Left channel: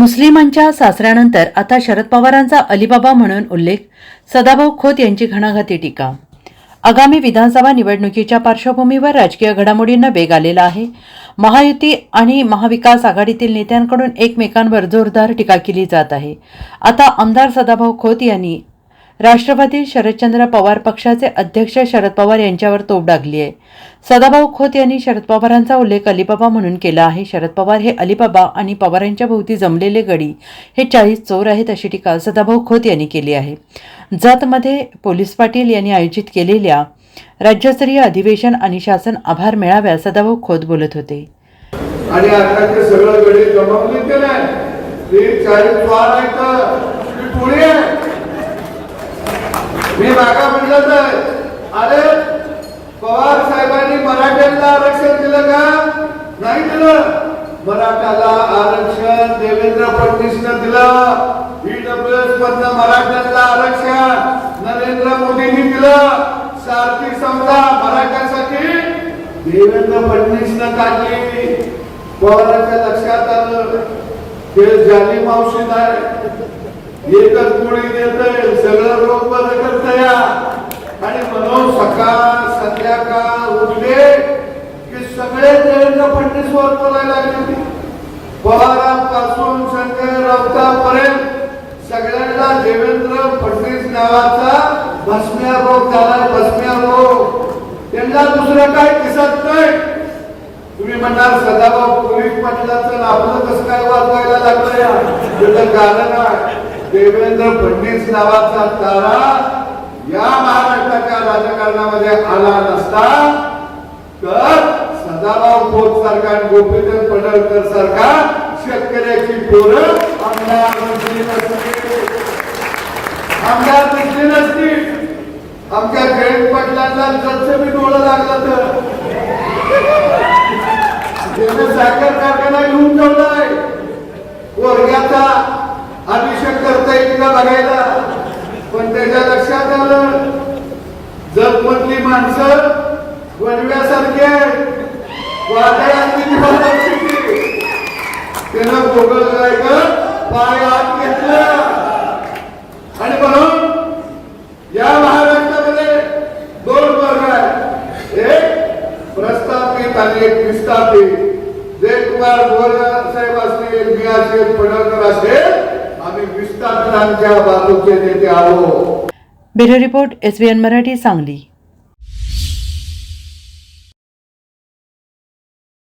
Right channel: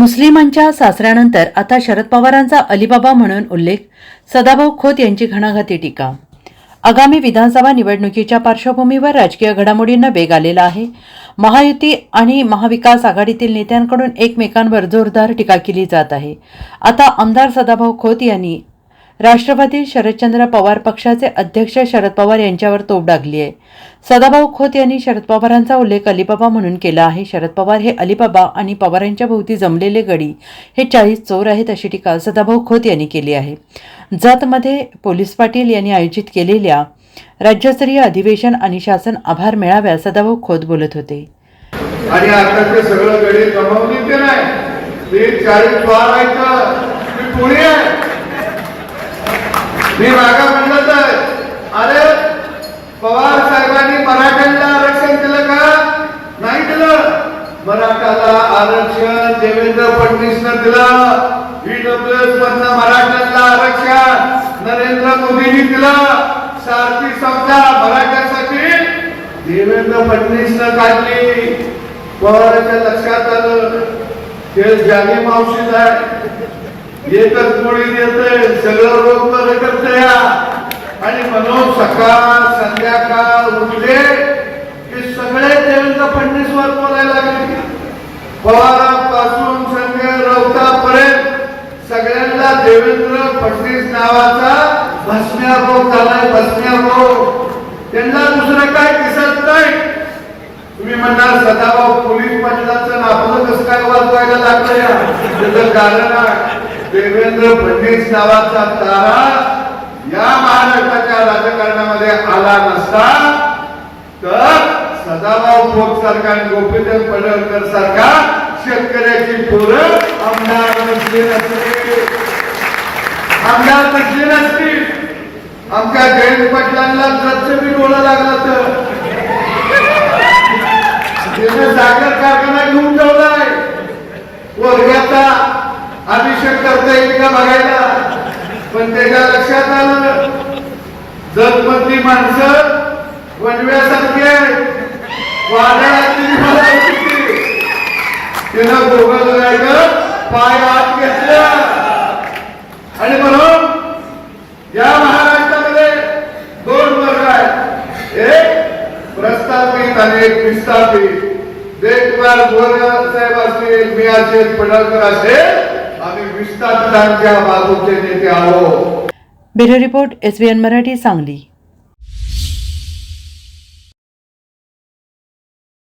मुस्लिमांच्या सासऱ्यानंतर आता शरद पवारांचा अलिबाबा म्हणून उल्लेख. सदाभाऊ खोत यांची घणाघाती टीका. आगामी विधानसभा निवडणुकीच्या पार्श्वभूमीवर राजकीय घडामोडींना वेग आलेला आहे. महायुती आणि महाविकास आघाडीतील नेत्यांकडून एकमेकांवर जोरदार टीका केली जात आहे. आता आमदार सदाभाऊ खोत यांनी राष्ट्रवादी शरदचंद्र पवार पक्षाचे अध्यक्ष शरद पवार यांच्यावर तोप डागली आहे. सदाभाऊ खोत यांनी शरद पवारांचा उल्लेख अलिबाबा म्हणून केला आहे. शरद पवार हे अलिबाबा आणि पवारांच्या भोवती जमलेले गडी हे चाळीस चोर आहेत अशी टीका सदाभाऊ खोत यांनी केली आहे. जतमध्ये पोलीस पाटील यांनी आयोजित केलेल्या राज्यस्तरीय अधिवेशन आणि शासन आभार मेळाव्यात सदाभाऊ खोत बोलत होते. आणि आता ते सगळं गडी जमवली ते नाही. चाळीस वार आहे. मी मागा म्हणलं तर अरे पवार साहेबांनी मराठ्यांना आरक्षण दिलं का? नाही दिलं. मराठाला आरक्षण देवेंद्र फडणवीसनं दिलं. ईडब्ल्यूएस मधनं मराठ्यांना आरक्षण नरेंद्र मोदींनी दिलं. सारथी समजा मराठ्यांसाठी देवेंद्र फडणवीसनं काढली. पवारांच्या लक्षात आलं. ते जानी मावशीत आहे. एकच गोळी देते सगळं रोग बरं या आणि म्हणून सकाळ संध्याकाळ उठले की सगळे देवेंद्र फडणवीस वर बोलायला लागले. पवारांपासून संजय राऊतापर्यंत सगळ्यांना देवेंद्र फडणवीस नावाचा भस्मिया रोग झालाय भस्मिया रोग. त्यांना दुसरं काय दिसत नाही. तुम्ही म्हणणार सदाभाऊ पोलीस पाटलाचं आपलं कसं काय वाजवायला लागतं कारण आहे. देवेंद्र फडणवीस नावाचा तारा या महाराष्ट्राच्या राजकारणामध्ये आला नसता तर सदाभाऊ खोत सारखा आणि गोपीचंद पडळकर सारखा शेतकऱ्याची पोरं आमदार नसली नसली आमदार नसली नसती. आमच्या जयंत पाटलांना जसं बी डोळं लागलं तर. सागर अभिषेक करता बघायला पण त्याच्या लक्षात आलं जगमधली माणसं वडव्यासारखी आहेत. त्यानं दोघं पाय आत घेतला आणि म्हणून या महाराष्ट्रामध्ये दोन वर्ग आहेत. एक प्रस्थापित आणि एक विस्थापित. जे कुमार गोरे साहेब असतील मी असेल पडळकर असेल आम्ही विस्थापितांच्या बाजूचे नेते आलो bureau report S Marathi Sangli.